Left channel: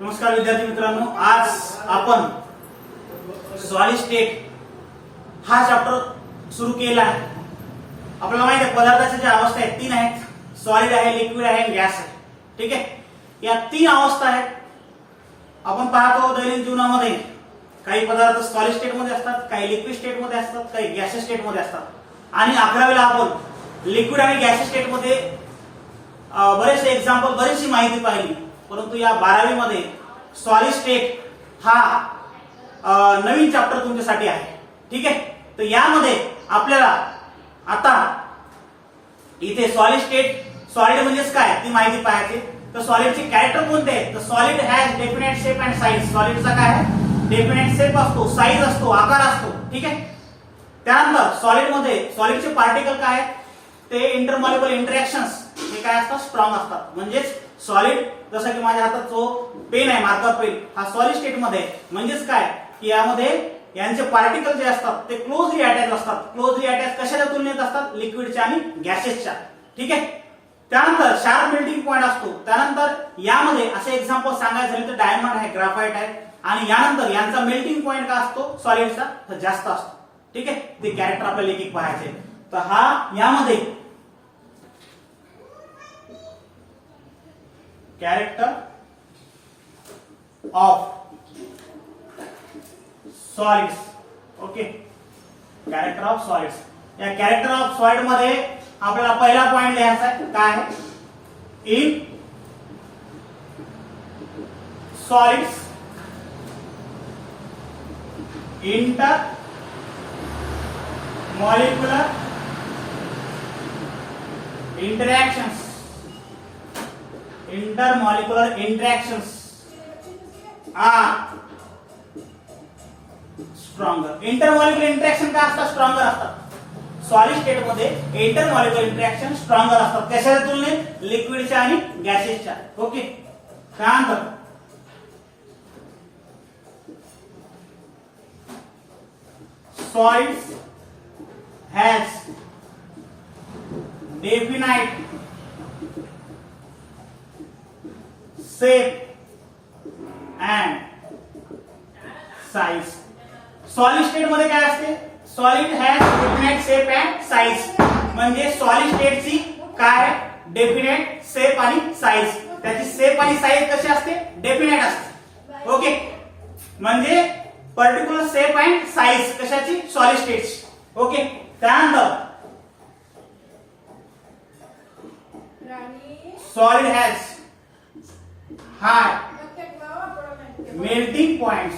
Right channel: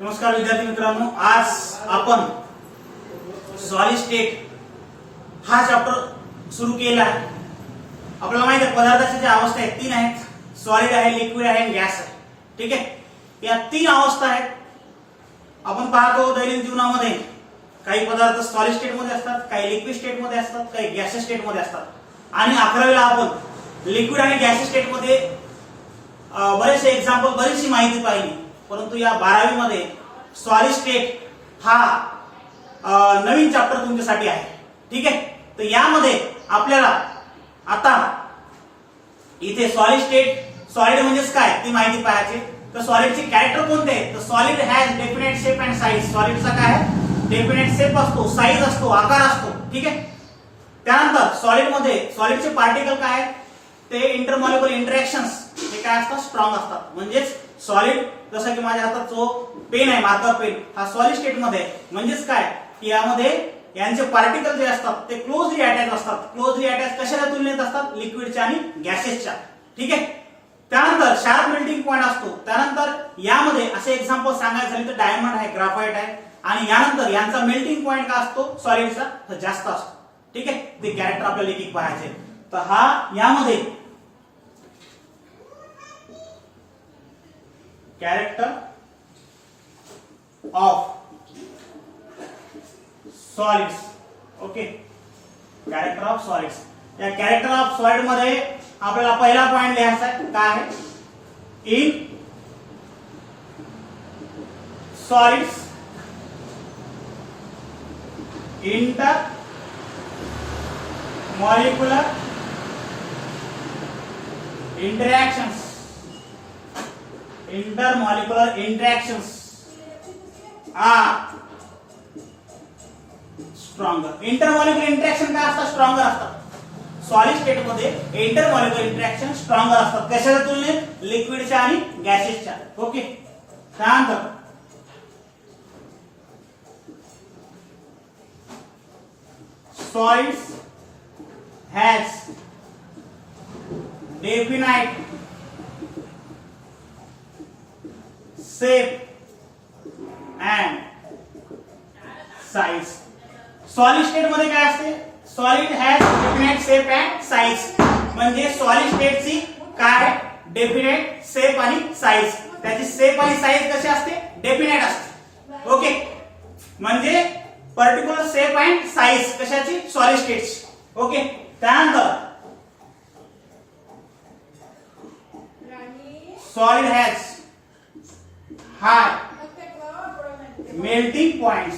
नमस्कार विद्यार्थी मित्रांनो, आज आपण सॉलिड स्टेट हा चॅप्टर सुरू केला आहे. आपल्याला माहिती आहे पदार्थाच्या ज्या अवस्था आहेत तीन आहेत. सॉलिड आहे, लिक्विड आहे, गॅस आहे. ठीक आहे, या तीन अवस्था आहेत. आपण पाहतो दैनंदिन जीवनामध्ये काही पदार्थ सॉलिड स्टेट मध्ये असतात, काही लिक्विड स्टेट मध्ये असतात, काही गॅसियस स्टेट मध्ये असतात. आणि 11वीला आपण लिक्विड आणि गॅसियस स्टेट मध्ये बरेचसे एक्झाम्पल, बरीचशी माहिती पाहिली. परंतु या 12वी मध्ये सॉलिड स्टेट हा नवीन चॅप्टर तुमच्यासाठी आहे. ठीक आहे, तर यामध्ये आपल्याला आता इथे सॉलिड स्टेट, सॉलिड म्हणजेच काय ती माहिती पाहायची. तर सॉलिडचे कॅरेक्टर कोणते आहेत? तर solid has definite shape and size. सॉलिडचा काय आहे? डेफिनेट शेप असतो, साईज असतो, आकार असतो. ठीक आहे, त्यानंतर सॉलिड मध्ये सॉलिडचे पार्टिकल काय आहेत? ते इंटरमॉलिक्युलर इंटरॅक्शन्स हे काय असतात? स्ट्रॉंग असतात. म्हणजेच सॉलिड, जसं की माझ्या हातात जो पेन आहे, मार्कर पेन, हा सॉलिड स्टेट मध्ये आहे. म्हणजेच काय की यामध्ये यांचे पार्टिकल जे असतात ते क्लोजली अटॅच असतात. क्लोजली अटॅच कशाच्या तुलनेत असतात? लिक्विडच्या आणि गॅसेसच्या. ठीक आहे, त्यानंतर शार्प मेल्टिंग पॉइंट असतो. त्यानंतर यामध्ये असे एक्झाम्पल सांगायचे झाले तर डायमंड आहे, ग्राफाइट आहे. आणि यानंतर यांचा मेल्टिंग पॉइंट का असतो? सॉलिडचा जास्त असतो. ठीक आहे, ते कॅरेक्टर आपल्याला एक एक पाहायचे. तर हा यामध्ये character of solids. Okay, character of solids. या कॅरेक्टर ऑफ सॉलिड मध्ये आपल्याला पहिला पॉइंट लिहायचा आहे. काय आहे? In solids inter molecular interactions. Intermolecular interactions are stronger. Intermolecular interaction काय असतात? स्ट्रॉंगर असतात. सॉलिड स्टेट मध्ये इंटरमॉलिक्युलर इंटरॅक्शन स्ट्रॉंगर असतात. कशाच्या तुलनेत? लिक्विडच्या आणि गॅसेसच्या. ओके, त्यानंतर solids has definite shape and size. Solid state मध्ये काय असते? Solid has definite shape and size. म्हणजे सॉलिड स्टेटची काय? डेफिनेट शेप आणि साईज. त्याची शेप आणि साईज कशी असते? डेफिनेट असते. ओके, म्हणजे पर्टिक्युलर शेप अँड साईज कशाची? सॉलिड स्टेटची. ओके, त्यानंतर solid has high melting point.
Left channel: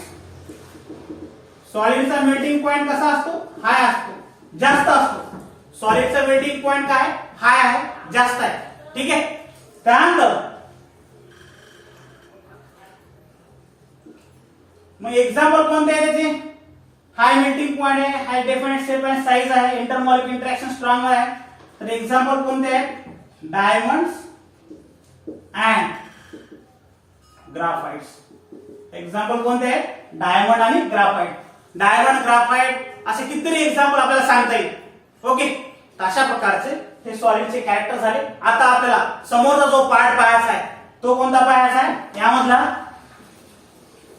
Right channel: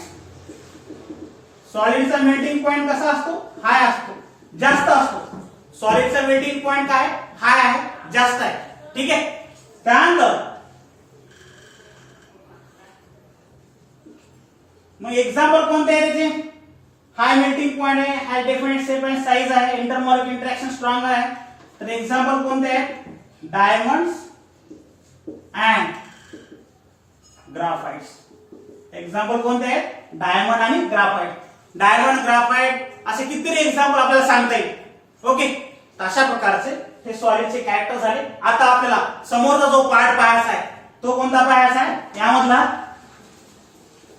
सॉलिडचा मेल्टिंग पॉइंट कसा असतो? हाय असतो, जास्त असतो. सॉलिडचा मेल्टिंग पॉइंट काय? हाय आहे, जास्त आहे. ठीक आहे, त्यानंतर मग एक्झाम्पल कोणते आहे त्याचे? हाय मेल्टिंग पॉइंट आहे, हाय डेफिनेट शेप अँड साईज आहे, इंटरमॉलिक्युलर इंटरॅक्शन स्ट्रॉंग आहे. तर एक्झाम्पल कोणते आहेत? Diamonds and ग्राफाइट्स. एक्झाम्पल कोणते आहेत? डायमंड आणि ग्राफाइट. डायमंड, ग्राफाइट असे कितीतरी एक्झाम्पल आपल्याला सांगता येईल. ओके, अशा प्रकारचे हे सॉलिडचे कॅरेक्टर झाले. आता आपल्याला समोरचा जो पार्ट पाहायचा आहे तो कोणता पाहायचा आहे? यामधला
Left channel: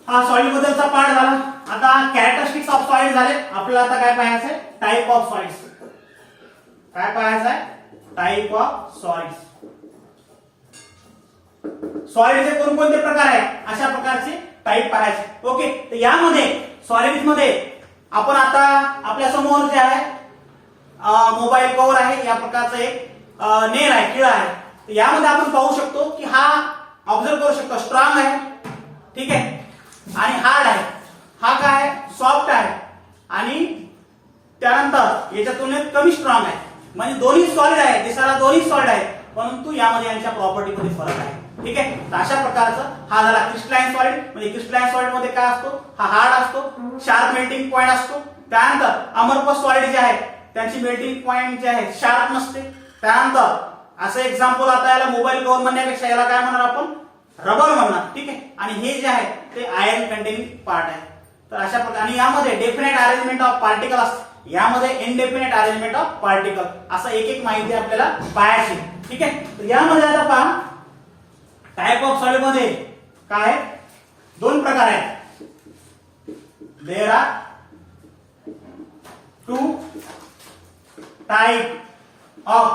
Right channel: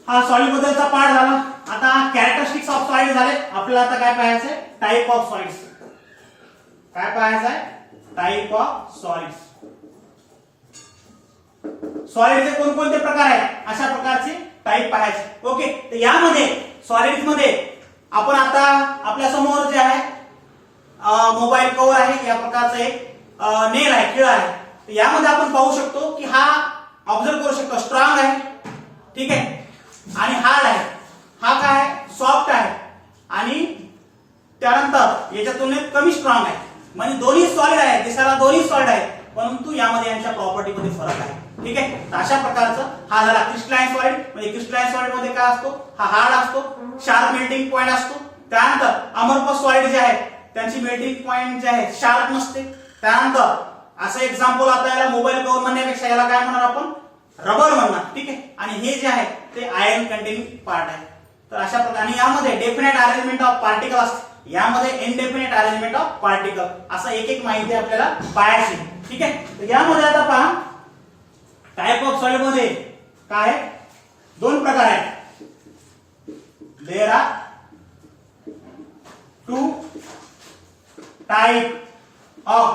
हा सॉलिड बद्दलचा पार्ट झाला. आता कॅरेक्टरिस्टिक्स ऑफ सॉलिड झाले. आपल्याला आता काय पाहायचं आहे? Type of solids. काय पाहायचं आहे? Type of solids. सॉलिडचे कोणकोणते प्रकार आहेत? अशा प्रकारचे टाइप पाहायचे. ओके, तर यामध्ये सॉलिड्स मध्ये आपण आता आपल्या समोर जे आहे मोबाईल कव्हर आहे, या प्रकारचा एक नेल आहे, खिळा आहे. तर यामध्ये आपण पाहू शकतो की हा ऑब्झर्व करू शकतो स्ट्रॉंग आहे. ठीक आहे, आणि हार्ड आहे. हा काय आहे? सॉफ्ट आहे. आणि त्यानंतर याच्या तुलनेत कमी स्ट्रॉंग आहे. म्हणजे दोन्ही सॉलिड आहे, दिसायला दोन्ही सॉलिड आहे, परंतु यामध्ये यांच्या प्रॉपर्टी मध्ये फरक आहे. ठीक आहे, तर अशा प्रकारचा हा झाला क्रिस्टलाइन सॉलिड. म्हणजे क्रिस्टलाइन सॉलिड मध्ये काय असतो? हा हार्ड असतो, शार्प मेल्टिंग पॉइंट असतो. त्यानंतर अमरपस सॉलिड जे आहे त्यांची मेल्टिंग पॉइंट जे आहे शार्प नसते. त्यानंतर असं एक्झाम्पल, आता याला मोबाईल कव्हर म्हणण्यापेक्षा याला काय म्हणणार आपण? रबर म्हणणार. ठीक आहे, आणि हे जे आहे ते आयर्न कंटेनिंग पार्ट आहे. तर अशा प्रकारे, आणि यामध्ये डेफिनेट अरेंजमेंट ऑफ पार्टिकल असते, यामध्ये इनडेफिनेट अरेंजमेंट ऑफ पार्टिकल, असं एक एक माहिती आपल्याला पाहायची. ठीक आहे, तर यामध्ये आता पहा टाइप ऑफ सॉलिड मध्ये काय दोन प्रकार आहेत. There are two type of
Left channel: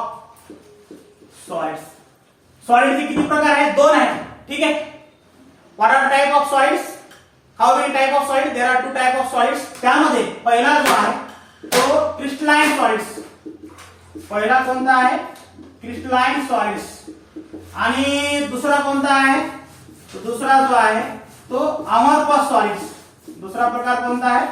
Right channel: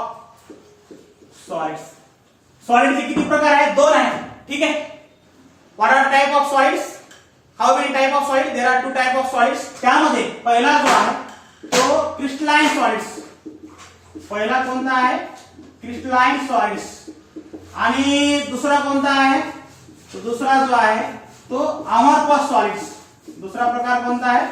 solids. सॉलिडचे किती प्रकार आहेत? दोन आहेत. ठीक आहे. What are type of solids? How many type of solid? There are two type of solids. त्यामध्ये पहिला जो आहे तो क्रिस्टलाइन सॉलिड्स. पहिला कोणता आहे? Crystalline solids. आणि दुसरा कोणता आहे? तो दुसरा जो आहे तो अमरपस सॉलिड्स. दुसरा प्रकार कोणता आहे?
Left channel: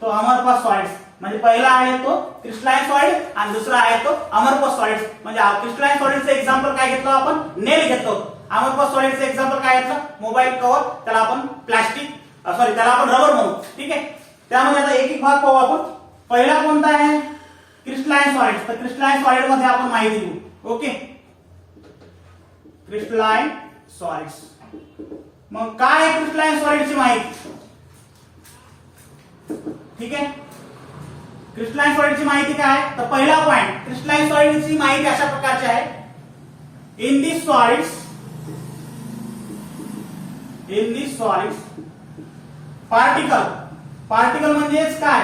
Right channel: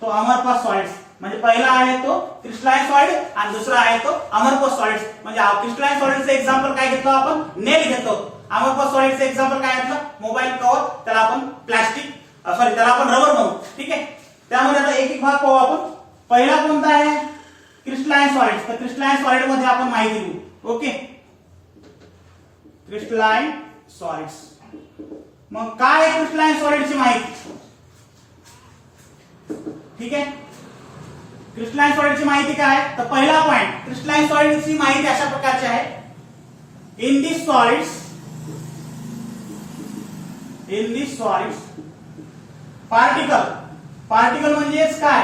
तो अमरपस सॉलिड्स. म्हणजे पहिला आहे तो क्रिस्टलाइन सॉलिड आणि दुसरा आहे तो अमरपस सॉलिड्स. म्हणजे क्रिस्टलाइन सॉलिडचं एक्झाम्पल काय घेतलं आपण? नेल घेतलं. अमरपस सॉलिडचं एक्झाम्पल काय घेतलं? Mobile cover. त्याला आपण प्लास्टिक त्याला आपण रबर म्हणू. ठीक आहे. त्यामध्ये आता एक एक भाग पाहू आपण. पहिला कोणता आहे? Crystalline solids. तर क्रिस्टलाइन सॉलिड मध्ये आपण माहिती घेऊ. ओके. Crystalline solids. मग काय आहे क्रिस्टलाइन सॉलिडची माहिती? ठीक आहे. क्रिस्टलाइन सॉलिडची माहिती काय आहे? तर पहिला पॉइंट, क्रिस्टलाइन सॉलिडची माहिती अशा प्रकारची आहे. इन दिस सॉलिड्स पार्टिकल म्हणजेच काय?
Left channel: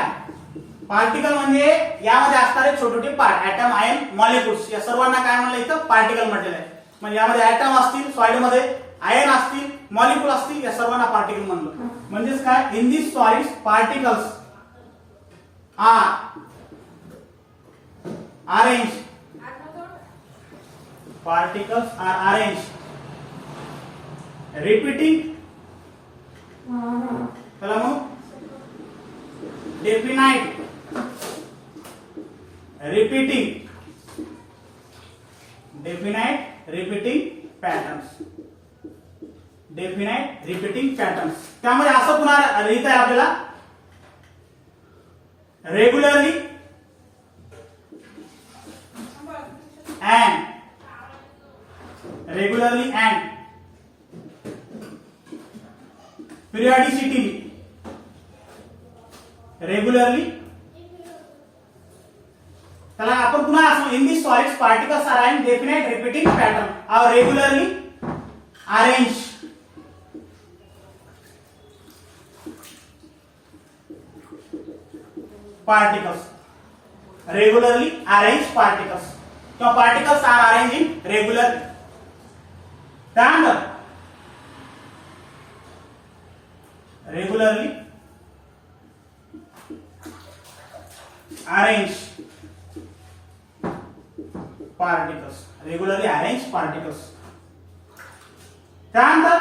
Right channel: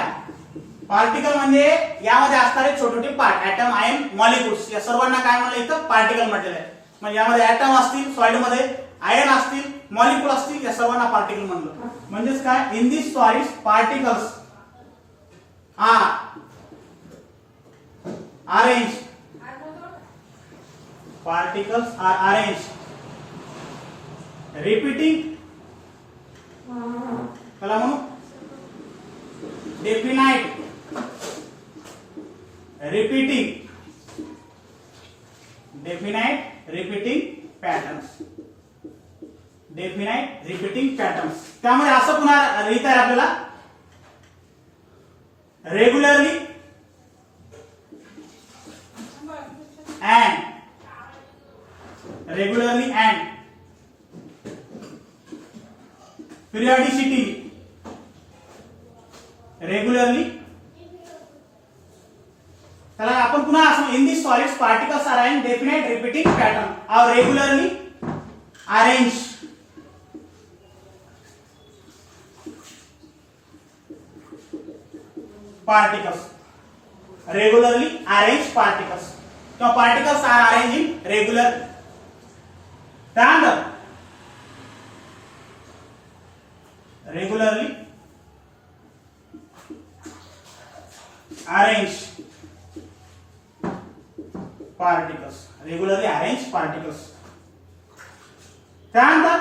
पार्टिकल म्हणजे यामध्ये असणारे छोटे छोटे पार्ट, ऍटम, आयन, मॉलिक्युल्स, या सर्वांना काय म्हणलं इथं? पार्टिकल म्हटलेलं आहे. म्हणजे यामध्ये ऍटम असतील, सॉलिड मध्ये आयन असतील, मॉलिक्युल असतील, या सर्वांना पार्टिकल म्हणलं. म्हणजेच काय? In this solids particles are arranged. Particles are arranged repeating. चला म्हणू डेफिनाइट रिपीटिंग पॅटर्न्स. त्यामध्ये असं पुन्हा लिहिता आहे आपल्याला रेग्युलरली अँड periodicity. रेग्युलरली. त्याला आपण पुन्हा असं in this solids particles are in definite repeating pattern are regularly arrange. Particles regularly arrange particles किंवा particles are arrange in regular. त्यानंतर रेग्युलरली अरेंज पार्टिकल्स. त्यानंतर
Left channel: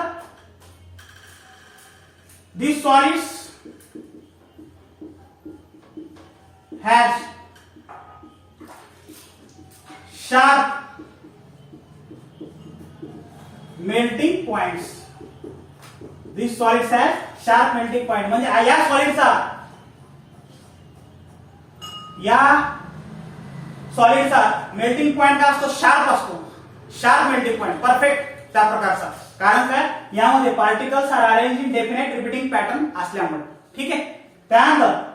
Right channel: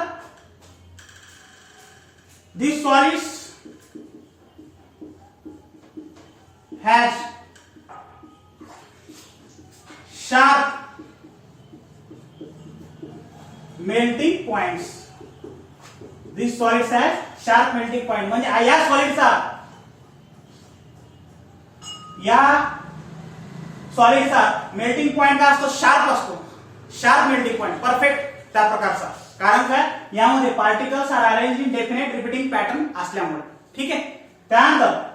this solids has sharp melting points. This solids has sharp melting point. म्हणजे या सॉलिडचा melting point काय असतो? Sharp असतो. Sharp melting point perfect त्या प्रकारचा. कारण काय? यामध्ये particles are arrange in definite repeating pattern असल्यामुळे. ठीक आहे. त्यानंतर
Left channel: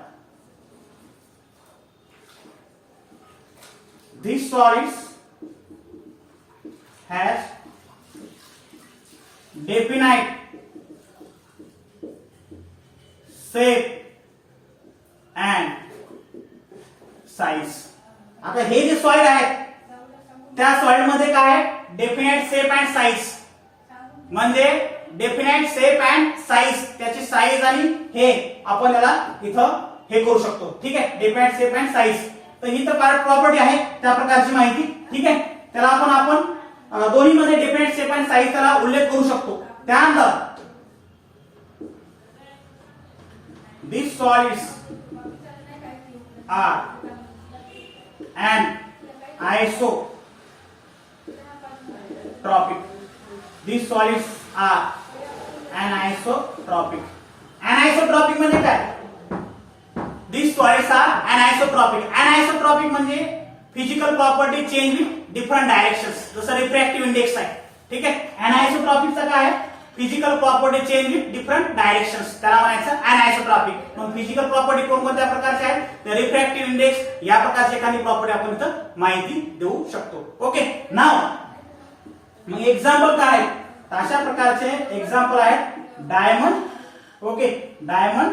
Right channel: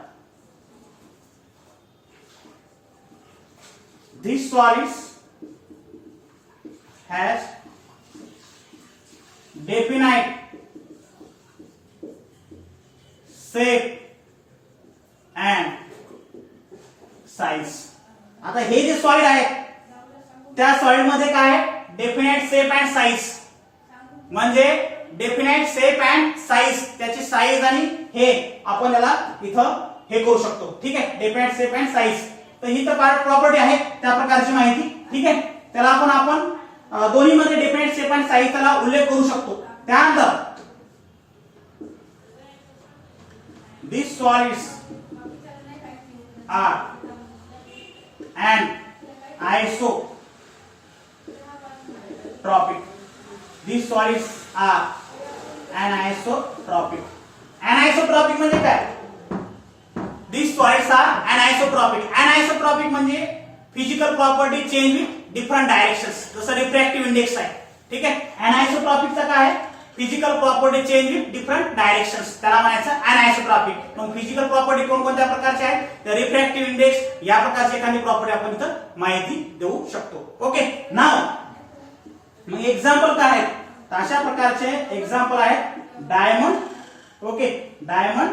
these solids has definite shape and size. आता हे जे सॉलिड आहेत त्या सॉलिड मध्ये काय आहे? Definite shape and size. म्हणजे डेफिनेट शेप अँड साइज, त्याची साइज आणि हे आपण याला इथं हे करू शकतो. ठीक आहे. Definite shape and size. तर ही तर पार्ट प्रॉपर्टी आहे त्या प्रकारची माहिती. ठीक आहे. त्याला आपण दोन्ही मध्ये डेफिनेट शेप अँड साइज त्याला उल्लेख करू शकतो. त्यानंतर this solids are anisotropic. This solids are anisotropic. Anisotropic म्हणजे काय? These solids are anisotropic. Anisotropic म्हणजे physical property change with different directions. जसं रिफ्रॅक्टिव्ह इंडेक्स आहे. ठीक आहे. अनआयसोट्रॉपिकचा काय आहे? Physical property change with different directions. त्याला म्हणायचं अनआयसोट्रॉपिक. मग फिजिकल प्रॉपर्टी कोणकोणत्या प्रकारच्या आहेत? तर रिफ्रॅक्टिव्ह इंडेक्स या प्रकारची एखादी प्रॉपर्टी आपण इथं माहिती देऊ शकतो. ओके. नाव मग एक्झाम्पल काय आहेत? अशा प्रकारचे एक्झाम्पल आहेत diamond okay, diamond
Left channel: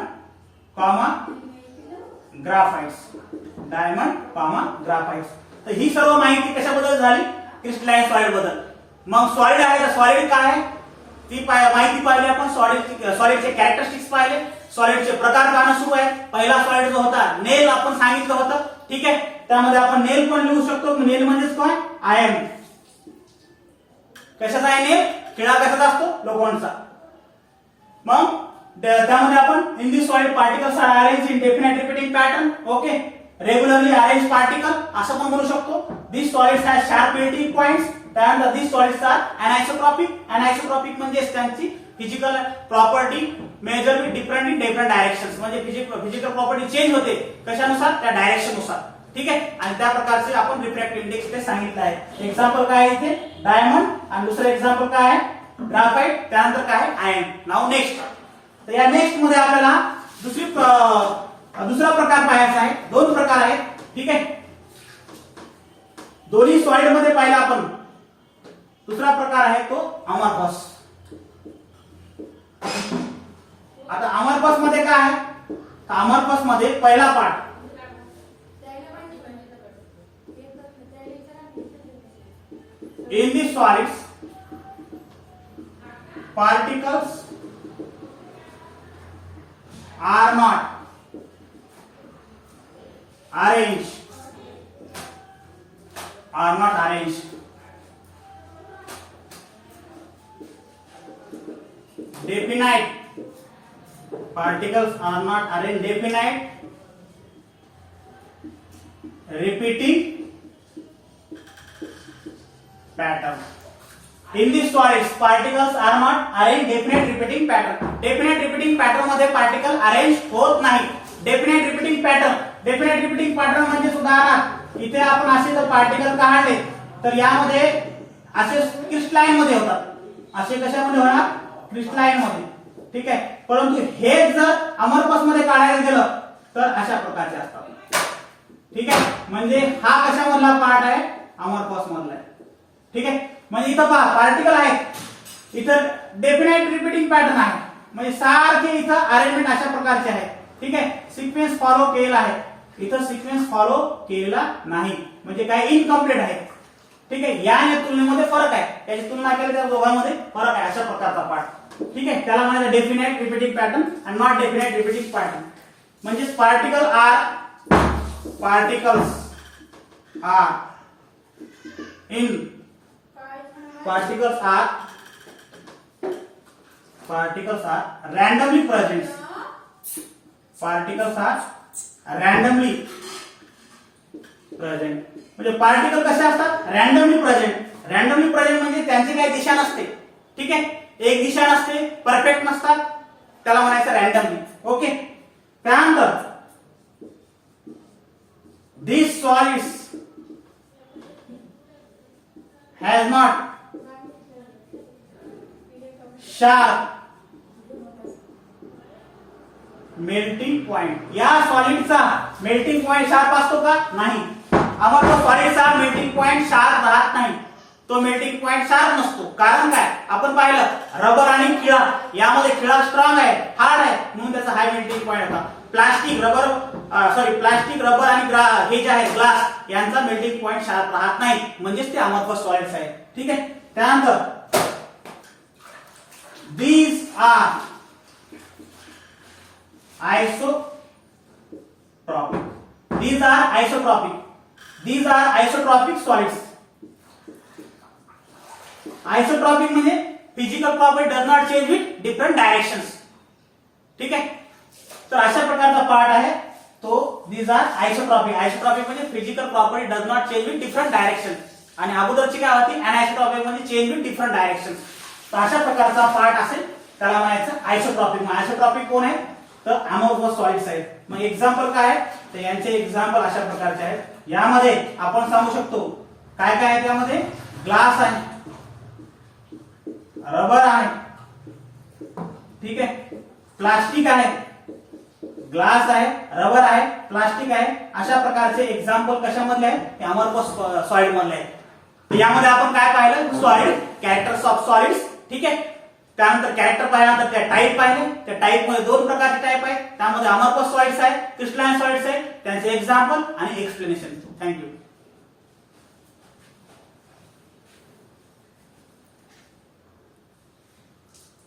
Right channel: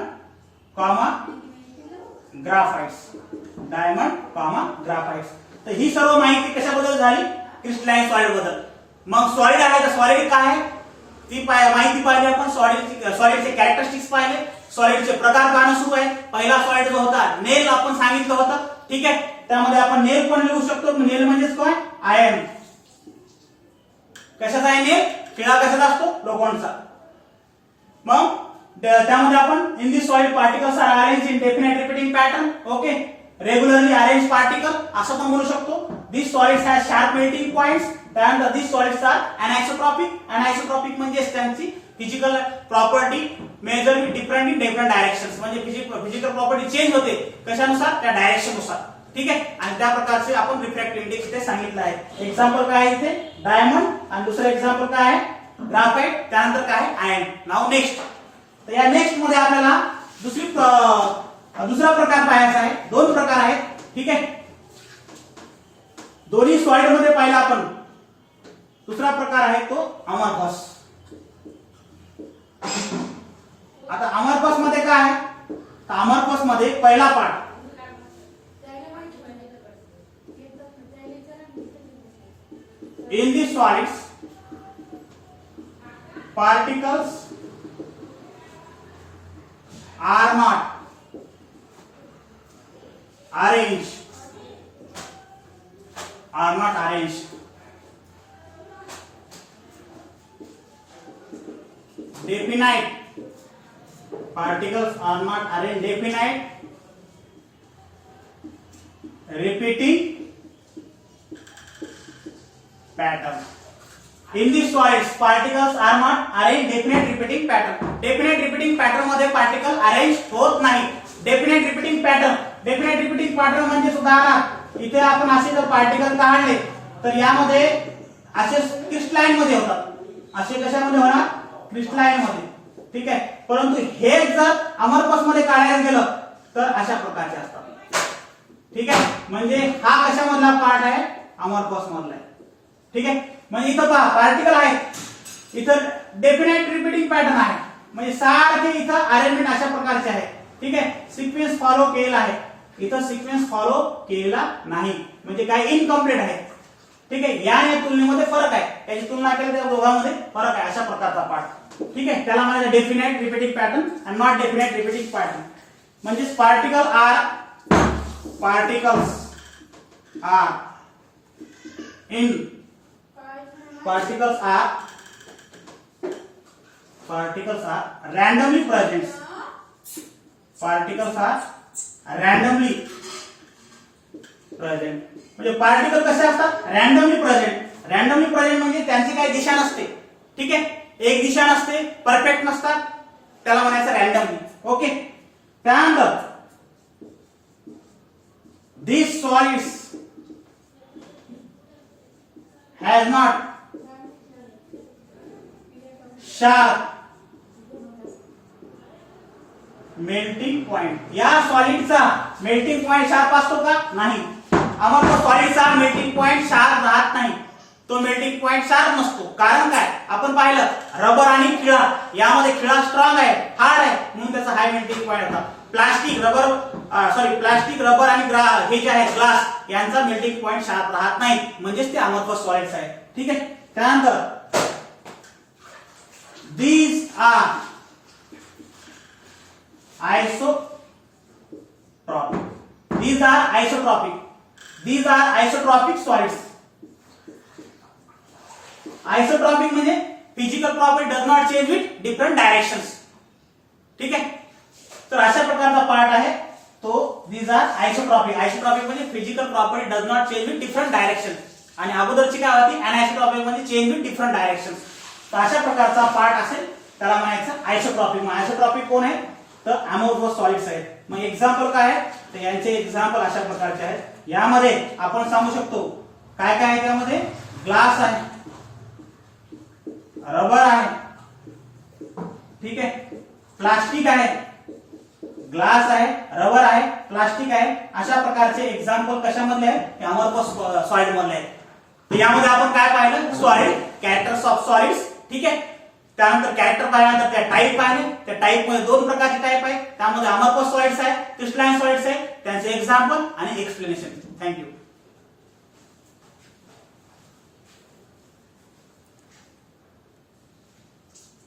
comma graphites, diamond comma graphites. तर ही सर्व माहिती कशाबद्दल झाली? क्रिस्टलाइन सॉलिड बद्दल. मग सॉलिड आहे तर सॉलिड काय आहे ती माहिती पाहिली आपण. सॉलिडचे कॅरेक्टरिस्टिक्स पाहिले, सॉलिडचे प्रकार पाहणं सुरू आहे. पहिला सॉलिड जो होता नेल आपण सांगितलं होतं. ठीक आहे, त्यामध्ये आपण नेल पण लिहू शकतो. नेल म्हणजेच काय? आयन. कशाचा आहे नेल? खिळा कशाचा असतो? लोखंडचा. मग त्यामध्ये आपण in this solid particles are arranged in definite repeating pattern. Okay, regularly arrange particle असं पण म्हणू शकतो. This solids have sharp melting points. त्यानंतर this solids are anisotropic. Anisotropic म्हणजे त्यांची physical property major with different in different directions. म्हणजे physical property change होते कशानुसार? त्या डायरेक्शन नुसार. ठीक आहे, आणि त्या प्रकारचे आपण रिफ्रॅक्टिव्ह इंडेक्स ते सांगितलं आहे. एक्झाम्पल काय आहे इथे? डायमंड. आणि दुसरं एक्झाम्पल काय आहे? ग्राफाइट. त्यानंतर काय आहे? आयन. Now next. तर या नेक्स्ट मध्ये आपल्याला दुसरा प्रकार पाहायचा आहे. दोन प्रकार आहेत. ठीक आहे, दोन्ही सॉलिड मध्ये पाहिला आपण. दुसरा प्रकार आहे तो अमॉर्फस. आता अमॉर्फस मध्ये काय आहे? तर अमॉर्फस मध्ये पहिला part in the solids particles are not arranged definite. Particles are not arranged definite repeating pattern. In these solids, particles are not arranged definite repeating pattern. Definite repeating pattern मध्ये particle arrange होत नाही. Definite repeating pattern. Definite repeating pattern म्हणजे उदाहरणार्थ इथे आपण असे जर particle काढले तर यामध्ये असे क्रिस्टलाइन मध्ये होतात. असे कशामध्ये होणार? क्रिस्टलाइन मध्ये. ठीक आहे, परंतु हे जर अमॉर्फस मध्ये काढायला गेलं तर अशा प्रकारचे असतात. ठीक आहे, म्हणजे हा कशामधला पार्ट आहे? अमॉर्फस मधला आहे. ठीक आहे, म्हणजे इथं पहा पार्टिकल आहेत, इथं डेफिनेट रिपीटिंग पॅटर्न आहे. म्हणजे सारखे इथं अरेंजमेंट अशा प्रकारचे आहे. ठीक आहे, सिक्वेन्स फॉलो केलेला आहे. इथं सिक्वेन्स फॉलो केलेला नाही, म्हणजे काय? इनकम्प्लीट आहे. ठीक आहे, या तुलनेमध्ये फरक आहे. त्याची तुलना केली त्या दोघांमध्ये फरक आहे. अशा प्रकारचा पार्ट. ठीक आहे, त्याला म्हणायचं definite repeating pattern and not definite repeating pattern. म्हणजे पार्टिकल्स are randomly present. म्हणजे पार्टिकल कसे असतात? Randomly present. रॅन्डमली प्रेझेंट म्हणजे त्यांची काही दिशा नसते. ठीक आहे, एक दिशा नसते, परफेक्ट नसतात, त्याला म्हणायचं रॅन्डमली. ओके, त्यानंतर these solids has not sharp melting point. या सॉलिडचा मेल्टिंग पॉइंट शार्प असतो का? नाही. आम्हाला सॉलिडचा मेल्टिंग पॉइंट शार्प राहत नाही. तो मेल्टिंग पॉइंट शार्प नसतो. कारण काय? आपण पाहिलं रबर आणि खिळा, यामध्ये खिळा स्ट्रॉंग आहे, हार्ड आहे, म्हणून त्याचा हाय मेल्टिंग पॉइंट होता. प्लास्टिक रबर आणि हे जे आहे ग्लास, यांचा मेल्टिंग पॉइंट शार्प राहत नाही, म्हणजेच ते अमॉर्फस सॉलिड्स आहे. ठीक आहे, त्यानंतर these are isotropic solids. Isotropic म्हणजे physical property does not change with different directions. ठीक आहे, तर अशा प्रकारचा पार्ट आहे तो these are isotropic. आयसोट्रॉपिक म्हणजे physical property does not change with different direction, आणि अगोदरची काय होती? अनआयसोट्रॉपिक म्हणजे चेंज विथ डिफरंट डायरेक्शन. तर अशा प्रकारचा पार्ट असेल त्याला म्हणायचं आयसोट्रॉपिक. मग आयसोट्रॉपिक कोण आहे? तर अमॉर्फस सॉलिड्स आहेत. मग एक्झाम्पल काय आहे? तर यांचे एक्झाम्पल अशा प्रकारचे आहेत. यामध्ये आपण सांगू शकतो काय काय आहे. त्यामध्ये ग्लास आहे, रबर आहे, ठीक आहे, प्लास्टिक आहे, ग्लास आहे, रबर आहे, प्लास्टिक आहे. अशा प्रकारचे एक्झाम्पल कशामधले आहेत? अमॉर्फस सॉलिड मधले आहेत. तर यामध्ये आपण काय पाहिलं? Solid, characters of solids. ठीक आहे, त्यानंतर कॅरेक्टर पाहिल्यानंतर त्या टाईप पाहिणे. त्या टाईप मध्ये 2 प्रकारचे टाईप आहेत. त्यामध्ये अमरकोश सॉलिड्स आहे, क्रिस्टलाइन सॉलिड्स आहे. त्यांचे एक्झाम्पल आणि एक्सप्लेनेशन. थँक्यू.